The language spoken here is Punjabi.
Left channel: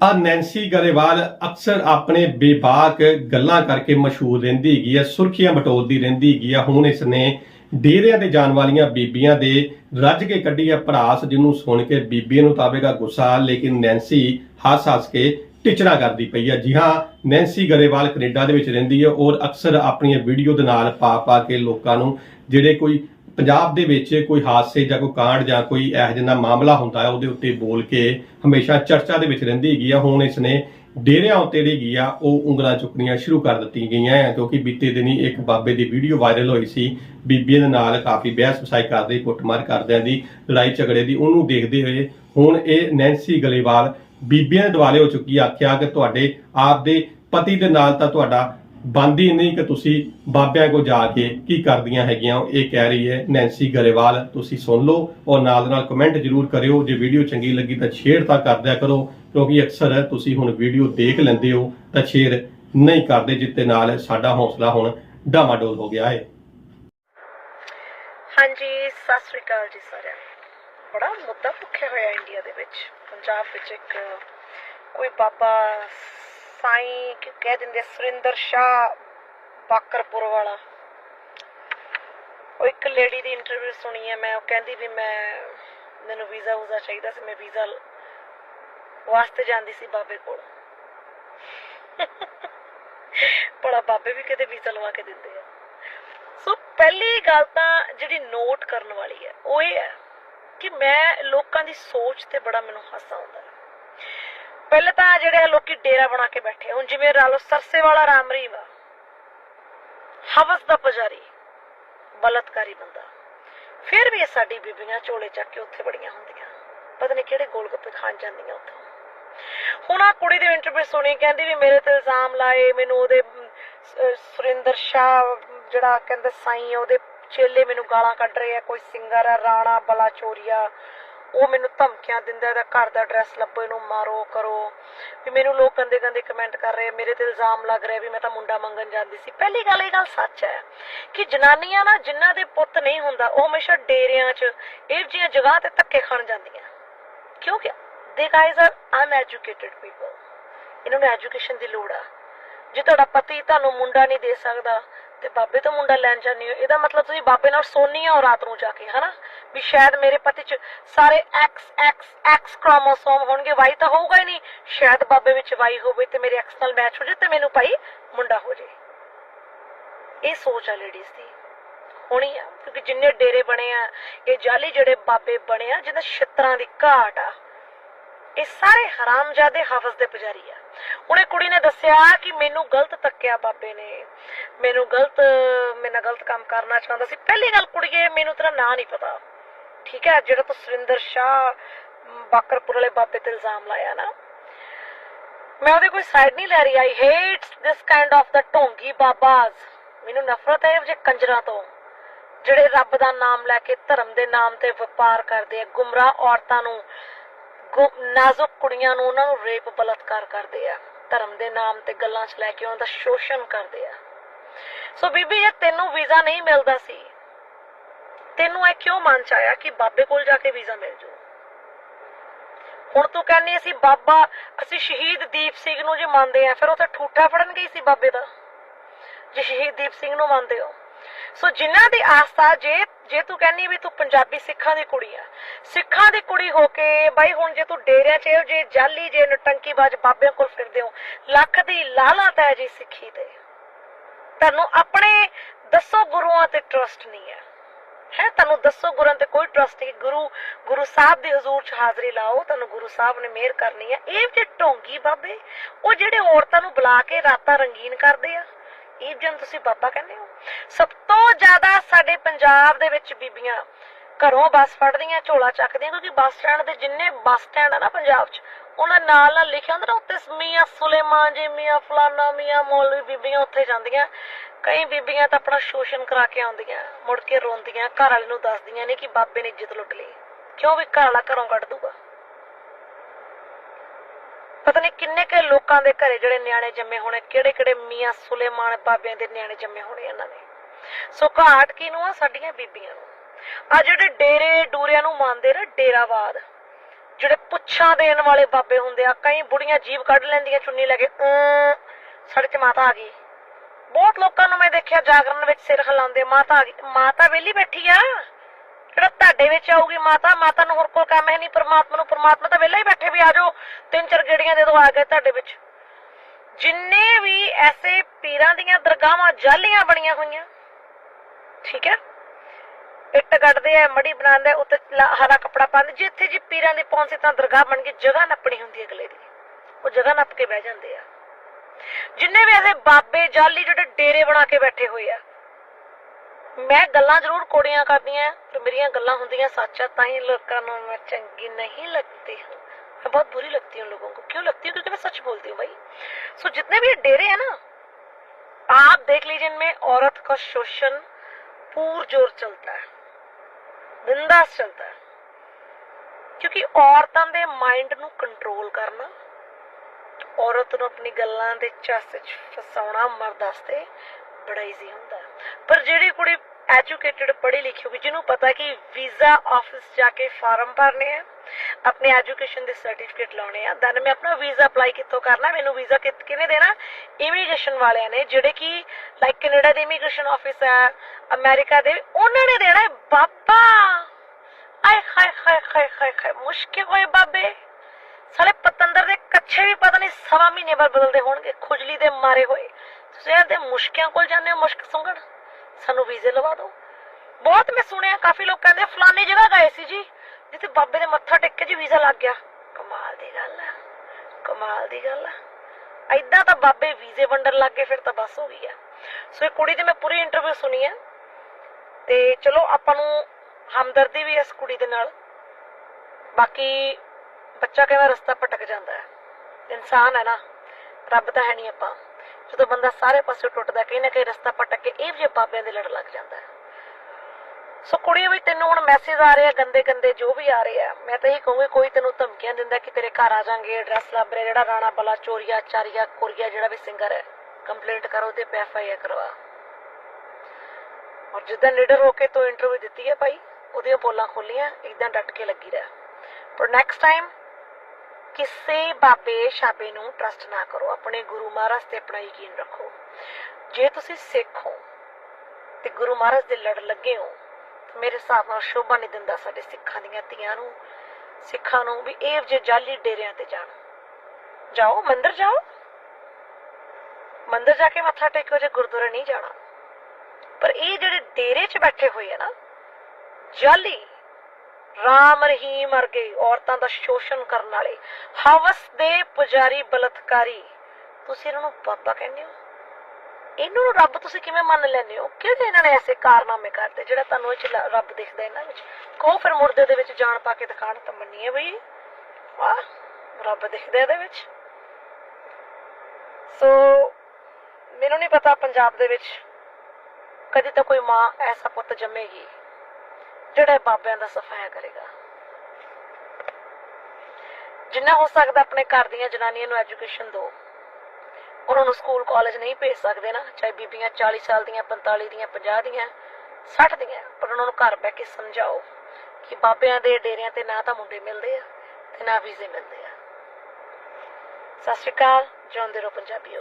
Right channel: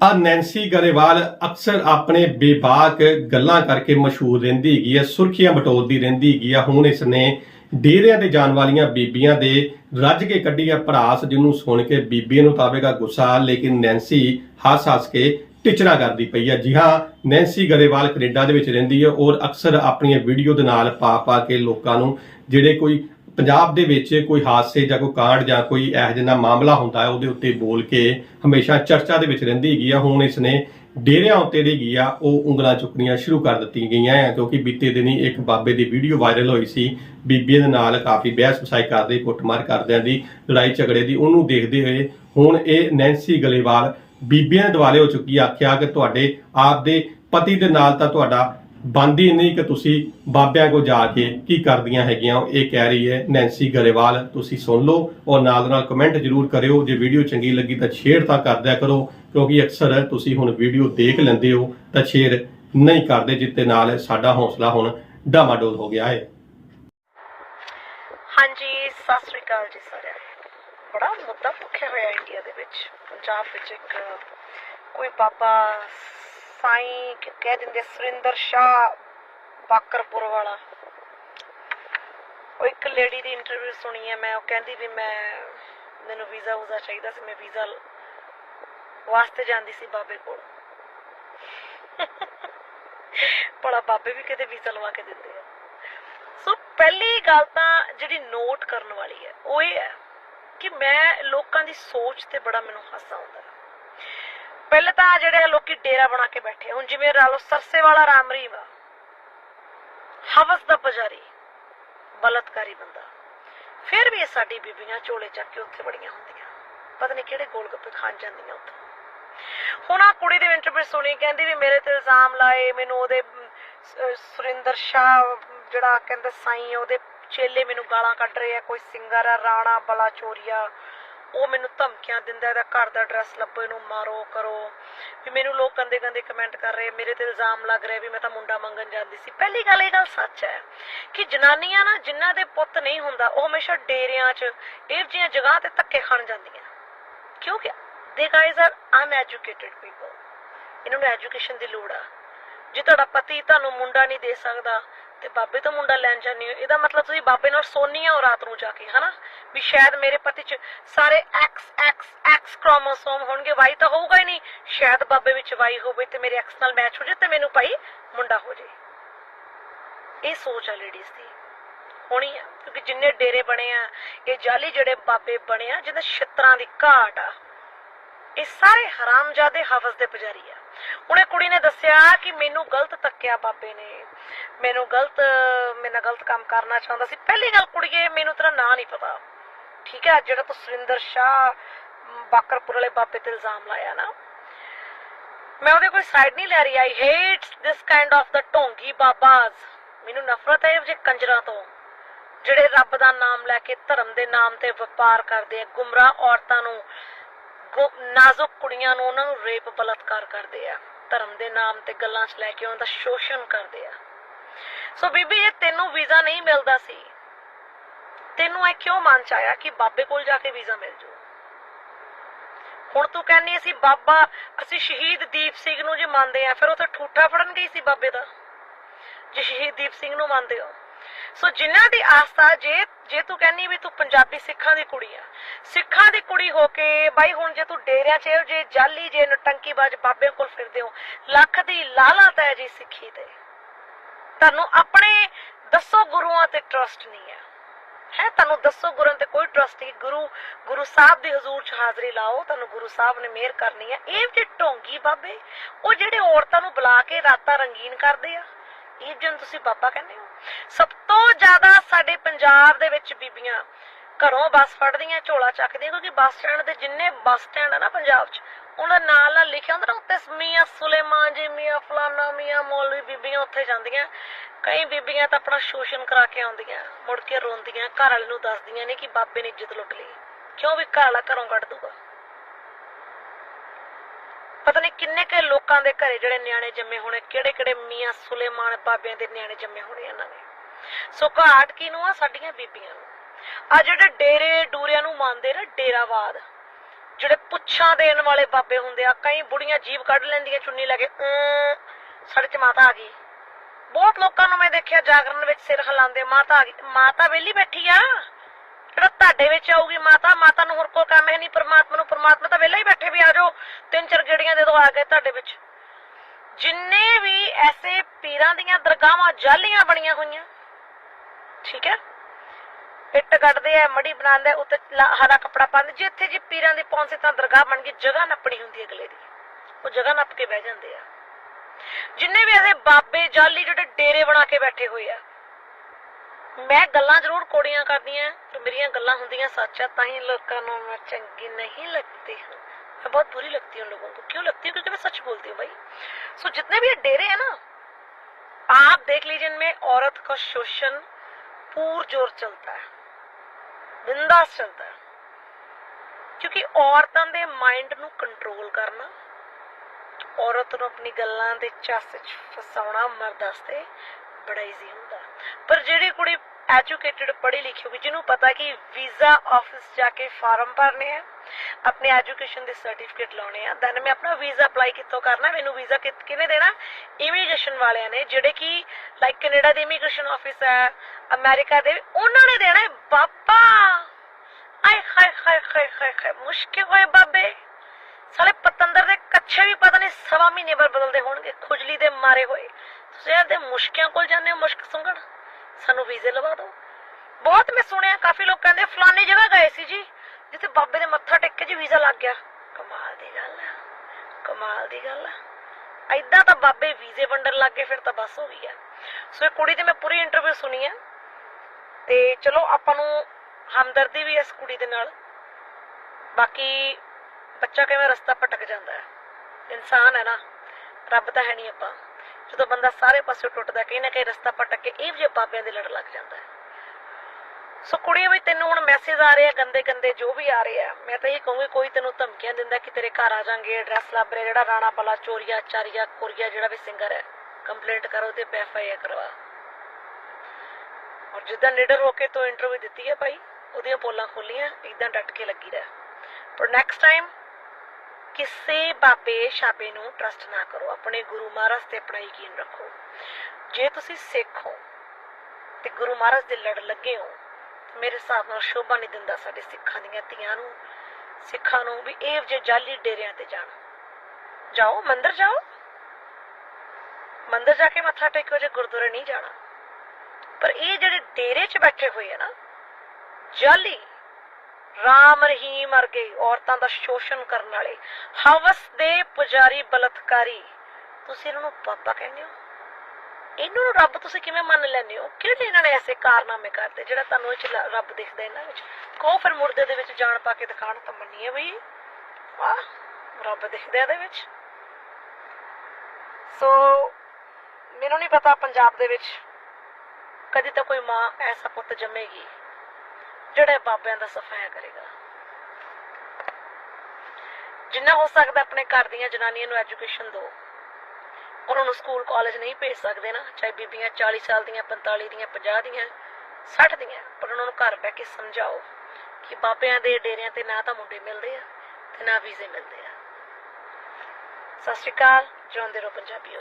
ਆ ਨੈਂਸੀ ਗਰੇਵਾਲ ਅਕਸਰ ਆਪਣੇ ਬੇਬਾਕ ਗੱਲਾਂ ਕਰਕੇ ਮਸ਼ਹੂਰ ਰਹਿੰਦੀ ਹੈਗੀ ਆ, ਸੁਰਖੀਆਂ ਬਟੋਲਦੀ ਰਹਿੰਦੀ ਹੈਗੀ ਆ। ਹੁਣ ਇਸ ਨੇ ਡੇਰਿਆਂ ਤੇ ਜਾਣ ਵਾਲੀਆਂ ਬੀਬੀਆਂ ਦੇ ਰੱਜ ਕੇ ਕੱਢੀ ਆ ਭਰਾਸ, ਜਿਹਨੂੰ ਸੁਣ ਕੇ ਬੀਬੀਆਂ ਨੂੰ ਤਾਵੇਗਾ ਗੁੱਸਾ, ਲੇਕਿਨ ਨੈਂਸੀ ਹੱਸ-ਹੱਸ ਕੇ ਟਿਚਰਾ ਕਰਦੀ ਪਈ ਆ। ਜੀ ਹਾਂ, ਨੈਂਸੀ ਗਰੇਵਾਲ ਕੈਨੇਡਾ ਦੇ ਵਿੱਚ ਰਹਿੰਦੀ ਹੈ ਔਰ ਅਕਸਰ ਆਪਣੀਆਂ ਵੀਡੀਓ ਦੇ ਨਾਲ ਪਾ ਪਾ ਕੇ ਲੋਕਾਂ ਨੂੰ, ਜਿਹੜੇ ਕੋਈ ਪੰਜਾਬ ਦੇ ਵਿੱਚ ਕੋਈ ਹਾਦਸੇ ਜਾਂ ਕੋਈ ਕਾਂਡ ਜਾਂ ਕੋਈ ਇਹੋ ਜਿਹਾ ਮਾਮਲਾ ਹੁੰਦਾ ਹੈ, ਉਹਦੇ ਉੱਤੇ ਬੋਲ ਕੇ ਹਮੇਸ਼ਾ ਚਰਚਾ ਦੇ ਵਿੱਚ ਰਹਿੰਦੀ ਹੈਗੀ ਆ। ਹੁਣ ਇਸ ਨੇ ਡੇਰਿਆਂ ਉੱਤੇ ਜਿਹੜੀ ਗਈ ਆ, ਉਹ ਉਂਗਲਾਂ ਚੁੱਕਣੀਆਂ ਸ਼ੁਰੂ ਕਰ ਦਿੱਤੀਆਂ ਗਈਆਂ ਆ, ਕਿਉਂਕਿ ਬੀਤੇ ਦਿਨੀ ਇੱਕ ਬਾਬੇ ਦੀ ਵੀਡੀਓ ਵਾਇਰਲ ਹੋਈ ਸੀ। ਬੀਬੀਆਂ ਦੇ ਨਾਲ ਕਾਫੀ ਬਹਿਸ ਵਸਾਈ ਕਰਦੇ, ਕੁੱਟਮਾਰ ਕਰਦਿਆਂ ਦੀ, ਲੜਾਈ ਝਗੜੇ ਦੀ, ਉਹਨੂੰ ਦੇਖਦੇ ਹੋਏ ਹੁਣ ਇਹ ਨੈਂਸੀ ਗਲੇਵਾਲ ਬੀਬੀਆਂ ਦੇ ਦੁਆਲੇ ਹੋ ਚੁੱਕੀ ਆਖਿਆ ਕਿ ਤੁਹਾਡੇ ਆਪ ਦੇ ਪਤੀ ਦੇ ਨਾਲ ਤਾਂ ਤੁਹਾਡਾ ਬੰਦੀ ਨਹੀਂ ਕਿ ਤੁਸੀਂ ਬਾਬਿਆਂ ਕੋ ਜਾ ਕੇ ਕੀ ਕਰਦੀਆਂ ਹੈਗੀਆਂ ਇਹ ਕਹਿ ਰਹੀ ਹੈ ਨੈਂਸੀ ਗਰੇਵਾਲ, ਤੁਸੀਂ ਸੁਣ ਲਓ ਔਰ ਨਾਲ ਨਾਲ ਕਮੈਂਟ ਜ਼ਰੂਰ ਕਰਿਓ। ਜੇ ਵੀਡੀਓ ਚੰਗੀ ਲੱਗੀ ਤਾਂ ਸ਼ੇਅਰ ਤਾਂ ਕਰ ਦਿਆ ਕਰੋ, ਕਿਉਂਕਿ ਅਕਸਰ ਤੁਸੀਂ ਹੁਣ ਵੀਡੀਓ ਦੇਖ ਲੈਂਦੇ ਹੋ ਤਾਂ ਸ਼ੇਅਰ ਨਹੀਂ ਕਰਦੇ, ਜਿੱਤੇ ਨਾਲ ਸਾਡਾ ਹੌਸਲਾ ਹੁਣ ਡਾਮਾਡੋਲ ਹੋ ਗਿਆ ਹੈ। ਹਾਂਜੀ, ਸਤਿ ਸ੍ਰੀ ਅਕਾਲ ਜੀ ਸਾਰਿਆਂ ਨੂੰ। ਬੜਾ ਮੁੱਦਾ ਭੁੱਖਿਆ ਹੋਇਆ ਇੰਡੀਆ ਦੇ ਵਿੱਚ। ਪੰਜਾਬ ਵਿੱਚ ਇੱਕ ਕੋਈ ਬਾਬਾ ਸਾਈਂ ਕਹਿ ਦਿੰਦੇ ਸੁਰਿੰਦਰ ਸ਼ਾਹ ਬਾਕਰਪੁਰ ਵਾਲਾ। ਉਹ ਇੱਕ ਲੇਡੀ ਦੀ ਇੰਟਰਵਿਊ ਸੁਣੀ ਹੈ ਮੈਂ, ਉਹ ਕਹਿੰਦੀ ਵੀ ਮੈਂ, ਮੈਨੂੰ ਵੀਜ਼ਾ ਵੂਜ਼ਾ ਚਾਹੀਦਾ ਸੀ, ਮੈਂ ਵੀਜ਼ਾ ਵਾਸਤੇ ਜਾਂਦੀ ਸੀ ਬਾਬੇ ਕੋਲ। ਬੜਾ ਬਾਬੇ ਵੀ ਕਿਤੇ ਵੀਜ਼ਾ ਲਵਾ ਕੇ ਦਿੰਦੇ ਆ। ਸੋ ਪਹਿਲੀ ਗੱਲ ਤਾਂ ਜਿਹੜੀ ਨੋਟ ਕਰਨ ਵਾਲੀ ਹੈ, ਉਹ ਇਹ ਹੈ ਕਿ ਮੈਂ ਲੋਕਾਂ ਦੀ ਸੋਚ ਤੇ ਬੜਾ ਮੈਨੂੰ ਹਾਸਾ ਆਉਂਦਾ। ਪਹਿਲਾਂ ਤਾਂ ਜਿਹੜੇ ਲੋਕੀ ਡੇਰਾ ਬਣਾ ਕੇ ਬੈਠੇ ਹੁਣ ਜਿਵੇਂ ਲਾ ਸਰਸੇ ਵਾਲਾ ਰਾਮ ਰਹੀਮ ਆ। ਹਵਸ ਦਾ ਪੁਜਾਰੀ ਬਲਤਕਾਰੀ ਬੰਦਾ। ਫਿਰ ਵੀ ਸਾਡੀ ਬੀਬੀਆਂ ਝੋਲੇ ਚੱਕ ਕੇ ਉੱਥੇ ਬੜੀਆਂ ਹੁੰਦੀਆਂ। ਪਤਾ ਨਹੀਂ ਕਿਹੜੇ ਗੋਲ ਗੱਪੇ ਖਾਣ ਜਾਂਦੀਆਂ ਉੱਥੇ। ਹੁਣ ਆ ਕੁੜੀ ਦੇ ਇੰਟਰਵਿਊ ਸੁਣੀ ਕਹਿੰਦੀ ਵੀ ਮੇਰੇ ਤੇ ਇਲਜ਼ਾਮ ਲਾਏ ਮੈਨੂੰ ਉਹਦੇ ਸੁਰਿੰਦਰ ਸ਼ਾਹ ਜਿਹੜਾ ਕਹਿੰਦਾ ਸਾਈ ਆ, ਉਹਦੇ ਚੇਲੇ ਮੈਨੂੰ ਗਾਲਾਂ ਕੱਢ ਰਹੇ ਆ ਕੋਈ ਸਿੰਗਰ ਆ ਰਾਣਾ ਬਲਾ ਚੋਰੀਆ ਉਹ ਮੈਨੂੰ ਧਮਕੀਆਂ ਦਿੰਦਾ ਇਹਦਾ ਘਰ ਦਾ ਐਡਰੈਸ ਲੱਭੋ, ਇਹਨੂੰ ਮਾਰੋ, ਕਰੋ। ਵੀ ਮੈਨੂੰ ਲੋਕ ਗੰਦੇ ਗੰਦੇ ਕਮੈਂਟ ਕਰ ਰਹੇ ਮੇਰੇ ਤੇ ਇਲਜ਼ਾਮ ਲੱਗ ਰਿਹਾ ਵੀ ਮੈਂ ਤਾਂ ਮੁੰਡਾ ਮੰਗਣ ਜਾਂਦੀ ਸੀ। ਪਹਿਲੀ ਗੱਲ ਇਹ ਗੱਲ ਸੱਚ ਹੈ ਕਿ ਜਨਾਨੀਆਂ ਨਾ ਜਿਨ੍ਹਾਂ ਦੇ ਪੁੱਤ ਨਹੀਂ ਹੁੰਦਾ, ਉਹ ਹਮੇਸ਼ਾ ਡੇਰਿਆਂ 'ਚ, ਇਹ ਜਿਹੀਆਂ ਜਗ੍ਹਾ ਤੇ ਧੱਕੇ ਖਾਣ ਜਾਂਦੀਆਂ। ਕਿਉਂਕਿ ਦੇ ਗਾਇਜ਼ ਆਰ ਅਨਐਜੂਕੇਟਿਡ ਪੀਪਲ ਇਹਨਾਂ ਨੂੰ ਐਜੂਕੇਸ਼ਨ ਦੀ ਲੋੜ ਆ। ਜੇ ਤੁਹਾਡਾ ਪਤੀ ਤੁਹਾਨੂੰ ਮੁੰਡਾ ਨਹੀਂ ਦੇ ਸਕਦਾ ਤੇ ਬਾਬੇ ਤੋਂ ਮੁੰਡਾ ਲੈਣ ਜਾਂਦੇ ਹੋ। ਇਹਦਾ ਮਤਲਬ ਤੁਸੀਂ ਬਾਬੇ ਨਾਲ ਸੋਨੀ ਹੋ ਰਾਤ ਨੂੰ ਜਾ ਕੇ, ਹਨਾ? ਵੀ ਸ਼ਾਇਦ ਮੇਰੇ ਪਤੀ ਚ ਸਾਰੇ ਐਕਸ ਐਕਸ ਐਕਸ ਕ੍ਰੋਮੋਸੋਮ ਹੋਣਗੇ ਵਾਈ ਤਾਂ ਹੋਊਗਾ ਹੀ ਨਹੀਂ। ਸ਼ਾਇਦ ਬਾਬੇ ਵਿੱਚ ਵਾਈ ਹੋਵੇ ਤੇ ਮੇਰੇ ਐਕਸ ਨਾਲ ਮੈਚ ਹੋ ਜਾਏ ਤੇ ਮੈਨੂੰ ਭਾਈ ਮੁੰਡਾ ਹੋ ਜਾਏ। ਇਹ ਸੋਚ ਆ ਲੇਡੀਜ਼ ਦੀ। ਹੋਣੀ ਆ, ਕਿਉਂਕਿ ਜਿੰਨੇ ਡੇਰੇ ਬਣੇ ਆ, ਇਹ ਜਾਲੀ ਜਿਹੜੇ ਬਾਬੇ ਬਣੇ ਆ ਜਿਹਦੇ ਛਿੱਤਰਾਂ ਦੀ ਘਾਟ ਆ, ਇਹ ਸਾਰੇ ਹਰਾਮਜ਼ਾਦੇ ਹਵਸ ਦੇ ਪੁਜਾਰੀ ਆ। ਉਹਨੇ ਕੁੜੀ ਨੇ ਦੱਸਿਆ ਕਿ ਮੈਨੂੰ ਗਲਤ ਤੱਕਿਆ ਬਾਬੇ ਨੇ। ਮੈਨੂੰ ਗਲਤ ਮੇਰੇ ਗਲਤ ਕੰਮ ਕਰਨਾ ਚਾਹੁੰਦਾ ਸੀ। ਪਹਿਲੀ ਗੱਲ ਕੁੜੀਏ ਮੈਨੂੰ ਤੇਰਾ ਨਾਂ ਨਹੀਂ ਪਤਾ। ਠੀਕ ਹੈ ਜਿਹੜਾ ਤੂੰ ਸੁਰਿੰਦਰ ਸ਼ਾਹ ਮ, ਬਾਕਰਪੁਰ ਵਾਲੇ ਬਾਬੇ ਤੇ ਇਲਜ਼ਾਮ ਲਾਇਆ ਨਾ। ਮੈਂ ਉਹਦੇ ਕੋਈ ਸਾਈਡ ਨਹੀਂ ਲੈ ਰਹੀ। I hate this kind of ਦਾ ਢੋਂਗੀ ਬਾਬਾਜ਼। ਮੈਨੂੰ ਨਫ਼ਰਤ ਹੈ ਇਹ ਜਿਹੇ ਕੰਜਰਾਂ ਤੋਂ ਜਿਹੜੇ ਰੱਬ ਦਾ ਨਾਮ ਲੈ ਕੇ ਧਰਮ ਦੇ ਨਾਮ ਤੇ ਵਪਾਰ ਕਰਦੇ ਆ ਗੁੰਮਰਾਹ ਔਰਤਾਂ ਨੂੰ। ਨਾਜ਼ੁਕ ਕੁੜੀਆਂ ਨੂੰ ਉਹਨਾਂ ਨੂੰ ਰੇਪ ਬਲਾਤਕਾਰ ਕਰਦੇ ਆ। ਧਰਮ ਦੇ ਨਾਮ ਤੇ ਗੱਲਾਂ 'ਚ ਲੈ ਕੇ ਉਹਨਾਂ ਦਾ ਸ਼ੋਸ਼ਣ ਕਰਦੇ ਆ। ਸੋ ਬੀਬੀ ਜੇ ਤੈਨੂੰ ਵੀਜ਼ਾ ਨਹੀਂ ਮਿਲਦਾ ਸੀ। ਤੈਨੂੰ ਇਹ ਕਿਉਂ ਮਨ ਚ ਆਇਆ ਕਿ ਬਾਬੇ ਕੋਲ ਜਾ ਕੇ ਵੀਜ਼ਾ ਮਿਲ ਜੂ? ਹੁਣ ਤੂੰ ਕਹਿੰਦੀ ਅਸੀਂ ਬਾਬਾ, ਅਸੀਂ ਸ਼ਹੀਦ ਦੀਪ ਸਿੰਘ ਨੂੰ ਜੇ ਮੰਨਦੇ ਆ, ਫਿਰ ਉੱਥੇ ਠੂਠਾ ਫੜਨ ਗਈ ਸੀ ਬਾਬੇ ਦਾ। ਜੇ ਸ਼ਹੀਦ ਦੀਪ ਸਿੰਘ ਨੂੰ ਮੰਨਦੇ ਹੋ ਸੋ ਜਿਨ੍ਹਾਂ ਦੀ ਆਸਥਾ, ਜੇ ਜੇ ਤੂੰ ਕਹਿੰਨੀ ਵੀ ਤੂੰ ਪੰਜਾਬੀ ਸਿੱਖਾਂ ਦੀ ਕੁੜੀ ਆ, ਸਿੱਖਾਂ ਦੀ ਕੁੜੀ ਹੋ ਕੇ ਬਾਈ ਹੁਣ ਜੇ ਤੂੰ ਡੇਰਿਆਂ 'ਚ, ਜੇ ਜਾਲੀ, ਜੇ ਨਟੰਕੀਬਾਜ਼ ਬਾਬਿਆਂ ਕੋਲ ਫਿਰਦੇ ਹੋ, ਲੱਖ ਦੀ ਲਾਲਤ ਹੈ ਜੀ ਸਿੱਖੀ ਤੇ। ਤੁਹਾਨੂੰ ਆਪਣੇ ਦੱਸੋ ਗੁਰੂਆਂ ਤੇ ਟਰਸਟ ਨਹੀਂ ਹੈ। ਹੈ, ਤੁਹਾਨੂੰ ਦੱਸੋ ਗੁਰਾਂ ਤੇ ਕੋਈ ਟਰਸਟ ਨਹੀਂ। ਗੁਰੂ ਗੁਰੂ ਸਾਹਿਬ ਦੀ ਹਜ਼ੂਰ 'ਚ ਹਾਜ਼ਰੀ ਲਾਓ, ਤੁਹਾਨੂੰ ਗੁਰੂ ਸਾਹਿਬ ਨੇ ਮਿਹਰ ਕਰਨੀ ਹੈ। ਇਹ ਜੇ ਢੋਂਗੀ ਬਾਬੇ, ਉਹ ਜਿਹੜੇ ਔਰਤਾਂ ਨੂੰ ਬੁਲਾ ਕੇ ਰਾਤਾਂ ਰੰਗੀਨ ਕਰਦੇ ਆ ਇਹ ਜਨ ਤੁਸੀਂ ਬਾਬਾ ਕਹਿੰਦੇ ਹੋ। ਸਭ ਤੋਂ ਜ਼ਿਆਦਾ ਸਾਡੇ ਪੰਜਾਬ ਦੇ ਵਿੱਚ ਬੀਬੀਆਂ ਘਰੋਂ ਬੱਸ ਫੜਦੀਆਂ, ਝੋਲਾ ਚੱਕਦੀਆਂ, ਕਿਉਂਕਿ ਬੱਸ ਸਟੈਂਡ ਦੇ ਜਿੰਨੇ ਬੱਸ ਸਟੈਂਡ ਆ ਨਾ ਪੰਜਾਬ 'ਚ, ਉਹਨਾਂ ਨਾਲ ਨਾਲ ਲਿਖਿਆ ਹੁੰਦਾ ਨਾ ਉੱਤੇ ਮੀਆਂ ਸੁਲੇਮਾਨ ਜੀ, ਮੀਆਂ ਫਲਾਨਾ, ਮੀਆਂ ਮੌਲਵੀ ਬੀਬੀਆਂ ਉੱਥੇ ਜਾਂਦੀਆਂ। ਕਈ ਬੀਬੀਆਂ ਤਾਂ ਆਪਣਾ ਸ਼ੋਸ਼ਣ ਕਰਾ ਕੇ ਆਉਂਦੀਆਂ, ਮੁੜ ਕੇ ਰੋਂਦੀਆਂ, ਘਰ ਵਾਲੇ ਨੂੰ ਦੱਸਦੀਆਂ ਨੇ ਕਿ ਬਾਬੇ ਨੇ ਇੱਜ਼ਤ ਲੁੱਟ ਲਈ। ਕਿਉਂ ਵੀ ਘਰ ਵਾਲਾ ਘਰੋਂ ਕੱਢ ਦੂਗਾ ਪਤਾ ਨਹੀਂ ਕਿੰਨੇ ਕੇ ਲੋਕਾਂ ਦੇ ਘਰੇ ਜਿਹੜੇ ਨਿਆਣੇ ਜੰਮੇ ਹੋਣੇ ਕਿਹੜੇ ਕਿਹੜੇ ਮੀਆਂ ਸੁਲੇਮਾਨ ਬਾਬਿਆਂ ਦੇ ਨਿਆਣੇ ਜੰਮੇ ਹੋਣੇ ਇਹਨਾਂ ਨੇ ਸੋ ਘਾਟ ਕਿਨੂੰ ਆ? ਸਾਡੀਆਂ ਬੀਬੀਆਂ ਨੂੰ। ਆ ਜਿਹੜੇ ਡੇਰੇ ਡੂਰਿਆਂ ਨੂੰ ਮੰਨਦੇ ਨੇ ਡੇਰਾਵਾਦ ਜਿਹੜੇ ਪੁੱਛਾਂ ਦੇਣ ਵਾਲੇ ਬਾਬੇ ਹੁੰਦੇ ਆ ਕਈ ਬੁੜੀਆਂ ਜੀਵ ਕੱਢ ਲੈਂਦੀਆਂ ਚੁੰਨੀ ਲੈ ਕੇ ਅਮ, ਸਾਡੇ ਚ ਮਾਤਾ ਆ ਗਈ। ਬਹੁਤ ਲੋਕਾਂ ਨੂੰ ਮੈਂ ਦੇਖਿਆ ਜਾਗਰਨ ਵਿੱਚ ਸਿਰ ਹਿਲਾਉਂਦੇ ਮਾਤਾ ਆ ਗਈ। ਮਾਤਾ ਵੇਲੀ ਬੈਠੀ ਆ। ਜਿਹੜਾ ਤੁਹਾਡੇ ਵਿੱਚ ਆਊਗੀ ਮਾਤਾ ਮਾਤਾ ਨੂੰ ਹੋਰ ਕੋਈ ਕੰਮ ਹੈ ਨਹੀਂ ਪਰਮਾਤਮਾ ਨੂੰ ਪਰਮਾਤਮਾ ਤਾਂ ਵਿਹਲਾ ਹੀ ਬੈਠੇ ਵੀ ਆ ਜਾਓ। ਤਿੰਨ ਚਾਰ ਗੇੜੀਆਂ ਦੇ ਦੋ ਆ ਗਏ ਤੁਹਾਡੇ ਵਿੱਚ। ਜਿੰਨੇ ਵੀ ਐਸੇ ਪੀਰਾਂ ਦੀਆਂ ਦਰਗਾਹਾਂ ਜਾਲੀਆਂ ਬਣੀਆਂ ਹੋਈਆਂ ਠੀਕ ਹੈ? ਇੱਟ ਕੱਢਦੇ ਆ ਮੜੀ ਬਣਾਉਂਦੇ ਆ, ਉੱਤੇ ਹਰਾ ਕਪੜਾ ਪਾਉਂਦੇ। ਜਿੱਥੇ ਜੀ ਪੀਰਾਂ ਦੀ ਪਹੁੰਚੇ ਤਾਂ ਦਰਗਾਹ ਬਣ ਗਈ ਜਗ੍ਹਾ ਨੱਪਣੀ ਹੁੰਦੀ ਅਗਲੇ ਦੀ। ਉਹ ਜਗ੍ਹਾ ਨੱਪ ਕੇ ਬਹਿ ਜਾਂਦੇ ਆ। ਜਿੰਨੇ ਵੀ ਐਸੇ ਬਾਬੇ ਜਾਲੀ ਜਿਹੜੇ ਡੇਰੇ ਬਣਾ ਕੇ ਬੈਠੇ ਹੋਏ ਆ ਮੈਂ ਗੱਲਾਂ ਜ਼ਰੂਰ ਕੋੜੀਆਂ ਕਰਦੀ ਆ ਤੇ ਮੇਰੀਆਂ ਗੱਲਾਂ ਹੁੰਦੀਆਂ ਸੱਚ ਆ, ਤਾਂ ਹੀ ਲੋਕਾਂ ਨੂੰ ਮੈਂ ਚੰਗੀ ਨਹੀਂ लगती हूँ मैं बहुत बुरी लगती हूँ लोगों को क्यों लगती हूँ क्योंकि मैं सच बोलती हूँ भाई सो जितने भी डेरे हैं ना आप देख लीजिए इनमें औरत का शोषण पूरजोर चलता है बिंदास चलता है ਕਿਉਂਕਿ ਔਰਤਾਂ ਦੇ ਮਾਈਂਡ ਨੂੰ ਕੰਟਰੋਲ ਕਰਨਾ, ਔਰਤ ਨੂੰ ਆਪਣੀ ਗੱਲਾਂ ਦੇ ਚਾਸ ਵਿੱਚ ਫਸਾਉਣਾ ਮਰਦ ਵਾਸਤੇ ਬੜਾ ਈਜ਼ੀ ਹੁੰਦਾ ਪਰ ਜਿਹੜੀ ਕੁੜੀ ਐਜੂਕੇਟਿਡ ਪੜ੍ਹੀ ਲਿਖੀ ਹੋਵੇ ਜਿਹਨੂੰ ਪਤਾ ਕਿ ਵੀਜ਼ਾ ਆਫਿਸ ਜਾ ਕੇ ਫਾਰਮ ਭਰਨੇ ਆ, ਆਪਣੀ ਐਜੂਕੇਸ਼ਨ ਦੇ ਸਰਟੀਫਿਕੇਟ ਲਾਉਣੇ ਆ ਦੈਨ ਮੈਂ ਆਪਣਾ ਵੀਜ਼ਾ ਅਪਲਾਈ ਕਿੱਥੋਂ ਕਰਨਾ, ਮੈਨੂੰ ਵੀਜ਼ਾ ਕਿਹਨੇ ਦੇਣਾ? ਇਮੀਗ੍ਰੇਸ਼ਨ ਵਾਲਿਆਂ ਨੇ, ਜਿਹੜੇ ਕਿ ਲਾਈਕ ਕੈਨੇਡਾ ਦੇ ਇਮੀਗ੍ਰੇਸ਼ਨ ਆਫਿਸ ਹੈ ਅਮਰੀਕਾ ਦੇ, ਉਹਨਾਂ ਨੇ ਦੇਣਾ ਬਾਬਾ! ਆਏ ਹਾਏ ਹਾਏ ਹਾਏ ਹਾਏ ਹਾਏ, ਮੁਸ਼ਕਿਲ ਹੋਏ ਬਾਬੇ! ਸਾਰੇ ਪਤੰਦਰ ਦੇ ਕੱਛੇ ਵੀ ਪਤਾ ਨਹੀਂ ਸਵਾ ਮਹੀਨੇ ਬਾਅਦ ਬਦਲਦੇ ਹੋਣਗੇ, ਖੁਜਲੀ ਦੇ ਮਾਰੇ ਹੋਏ। ਤੁਸੀਂ ਇਹਦੇ ਮੁਸ਼ਕਿਆਂ ਕੋਲ ਜਾਂਦੇ ਹੋ, ਮੁਸ਼ਕ ਸੁੰਗੜ ਸਾਨੂੰ ਵੀਜ਼ੇ ਲਵਾ ਦਿਓ ਬਹੁਤ ਮੈਂ ਸੁਣਿਆ, ਕਾਫੀ ਲੋਕ ਕਹਿੰਦੇ ਫਲਾਨੀ ਜਗ੍ਹਾ ਗਏ ਸੀ ਜੀ, ਜਿੱਥੇ ਬਾਬੇ ਦੇ ਮੱਥਾ ਟੇਕ ਕੇ ਜੀ ਵੀਜ਼ਾ ਲੱਗ ਗਿਆ। ਕਮਾਲ ਦੀ ਗੱਲ ਹੈ ਕਮਾਲ ਦੀ ਗੱਲ ਹੈ ਐਦਾਂ ਤਾਂ ਬਾਬੇ ਵੀਜ਼ੇ ਵੰਡਣ ਲੱਗ ਗਏ, ਫਿਰ ਤਾਂ ਬਸ ਹੋ ਗਈ ਆ। ਸੋ ਇਹ ਕੁੜੀ ਦੀ ਮੈਂ ਪੂਰੀ ਇੰਟਰਵਿਊ ਸੁਣੀ ਹੈ ਤੇ ਚਲੋ, ਆਪਾਂ ਨੂੰ ਹਮਦਰਦੀ ਵੀ ਇਸ ਕੁੜੀ ਦੇ ਨਾਲ। ਬਾਕੀ ਬੱਚਾ ਕਿਵੇਂ ਰਸਤਾ ਭਟਕ ਜਾਂਦਾ ਹੈ? ਇਨਸਾਨ ਹੈ ਨਾ, ਰੱਬ ਤਾਂ ਹੈ ਨਹੀਂ ਆਪਾਂ। ਜਦੋਂ ਬੰਦਾ ਸਾਰੇ ਪਾਸੇ ਟੁੱਟਦਾ ਕहीं ਨਾ ਕहीं ਰਸਤਾ ਭਟਕ ਕੇ ਇਹ ਜਿਹੇ ਬਾਬਿਆਂ ਦੇ ਲੜ ਲੱਗ ਜਾਂਦਾ ਹੈ। ਸੋ ਕੁੜੀ ਵੀ ਤੈਨੂੰ ਹੁਣ ਮੈਸੇਜ ਆ ਰਹੇ, ਗੰਦੇ ਗੰਦੇ ਜੋ ਵੀ ਆ ਰਹੇ, ਮੈਂ ਤਾਂ ਇਹ ਕਹੂੰਗੀ, ਕੋਈ ਤੈਨੂੰ ਧਮਕੀਆਂ ਦਿੰਦਾ ਕਿ ਤੇਰੇ ਘਰ ਆ ਜਾਾਂਗੇ ਐਡਰੈਸ ਲੱਭ ਰਿਹਾ, ਜਿਹੜਾ ਰਾਣਾ ਬਲਾ, ਚੋਰੀਆ, ਚਾਰੀਆ, ਕੋਰੀਆ ਜਿਹੜਾ ਵੀ ਸਿੰਗਰ ਹੈ ਕੰਪਲੇਂਟ ਕਰੋ ਤੇ ਐਫ ਕਰਵਾ। ਔਰ ਜਿੱਦਾਂ ਲੀਡਰ ਹੋ ਕੇ ਤੂੰ ਇੰਟਰਵਿਊ ਦਿੱਤੀ ਹੈ ਭਾਈ, ਉਹਦੀਆਂ ਪੋਲਾਂ ਖੋਲੀਆਂ ਇਦਾਂ ਡਟ ਕੇ ਲੱਗੀ ਰਹਿ। ਪਰ ਨੈਕਸਟ ਟਾਈਮ ਕਿਸੇ ਬਾਬੇ ਸ਼ਾਬੇ ਨੂੰ ਟਰਸਟ ਨਾ ਕਰੋ, ਆਪਣੇ ਗੁਰੂ ਮਹਾਰਾਜ ਤੇ ਆਪਣਾ ਯਕੀਨ ਰੱਖੋ। ਜੇ ਤੁਸੀਂ ਸਿੱਖ ਹੋ ਤੇ ਗੁਰੂ ਮਹਾਰਾਜ ਦੇ ਲੜ ਲੱਗੇ ਹੋ ਮੇਰੇ ਹਿਸਾਬ ਨਾਲ ਸ਼ੋਭਾ ਨਹੀਂ ਦਿੰਦਾ ਸਾਡੇ ਸਿੱਖਾਂ ਦੀਆਂ ਧੀਆਂ ਨੂੰ, ਸਿੱਖਾਂ ਨੂੰ ਵੀ ਇਹ ਜੇ ਜਾਲੀ ਡੇਰਿਆਂ ਤੇ ਜਾਣ। ਜਾਓ, ਮੰਦਿਰ ਜਾਓ। ਮੰਦਿਰ ਜਾ ਕੇ ਮੱਥਾ ਟੇਕੋ, ਜੇ ਗੁਰਦੁਆਰੇ ਨਹੀਂ ਜਾਣਾ। ਪਰ ਇਹ ਜਿਹੜੇ ਡੇਰੇ 'ਚ ਬੈਠੇ ਹੋਏ ਆ ਨਾ, ਜਾਲੀ ਰਾਮ ਰਹੀਮ ਵਰਗੇ ਔਰਤਾਂ ਦਾ ਸ਼ੋਸ਼ਣ ਕਰਨ ਵਾਲੇ ਹਵਸ ਦੇ ਪੁਜਾਰੀ ਬਲਤਕਾਰੀ। ਤੁਸੀਂ ਇਹਨਾਂ ਨੂੰ ਬਾਬਾ ਕਹਿੰਦੇ ਹੋ? ਇਹਨਾਂ ਨੂੰ ਰੱਬ ਤੁਸੀਂ ਕਿਵੇਂ ਮੰਨ ਲੈਂਦੇ ਹੋ? ਕਿਉਂ ਇਹਨਾਂ ਨੇ ਐਸੇ ਕਾਰਨਾਮੇ ਕਰਦੇ ਜਿਹੜਾ ਤੁਹਾਨੂੰ ਇਹ ਰੱਬ ਦਿਖਦਾ ਇਹਨਾਂ ਵਿੱਚ? ਕਹੋ ਫਿਰ ਮੁਰਦੇ ਦੇ ਵਿੱਚ ਜਾਨ ਪਾ ਕੇ ਦਿਖਾਣ ਤਾਂ ਮੰਨੀਏ ਬਈ। ਵਾਹ, ਰੱਬ ਦਿਖਦਾ ਇਹਦੇ ਵਿੱਚ। ਸੋ, ਮੈਨੂੰ ਨਹੀਂ ਪਤਾ ਪੰਜਾਬ ਦੇ ਵਿੱਚ ਕਦੀ ਤਾਂ ਕੋਈ ਮਾਂ ਐਸਾ ਪੁੱਤ ਜੰਮੇਗੀ। ਜਿਹੜਾ ਬਾਬਿਆਂ ਦਾ ਸਫਾਇਆ ਕਰੇਗਾ। ਜਿੰਨਾ ਹੋ ਸਕਦਾ ਆਪਣੇ ਘਰ ਦੀਆਂ ਜਨਾਨੀਆਂ ਨੂੰ ਐਜੂਕੇਸ਼ਨ ਦਿਓ। ਉਹਨਾਂ ਨੂੰ ਸਕੂਲ ਕਾਲਜ ਨਹੀਂ ਭੇਜ ਸਕਦੇ ਨਾ। ਚਾਹੇ ਬੀਬੀਆਂ 40 ਸਾਲ ਦੀਆਂ 45 ਦੀਆਂ 50 ਦੀਆਂ 60 ਦੀਆਂ। ਪਰ ਉਹਨਾਂ ਨੂੰ ਘਰ ਬਹਿ ਕੇ ਸਮਝਾਓ ਕਿ ਬਾਬਿਆਂ ਦੇ ਡੇਰਿਆਂ ਤੇ ਨਾ ਤਾਂ ਮੁੰਡੇ ਮਿਲਦੇ ਆ ਤੇ ਨਾ ਵੀਜ਼ੇ ਮਿਲਦੇ ਆ। ਸਤਿ ਸ਼੍ਰੀ ਅਕਾਲ। ਜਿਉਂਦੇ ਰਹੋ ਪੰਜਾਬੀਓ।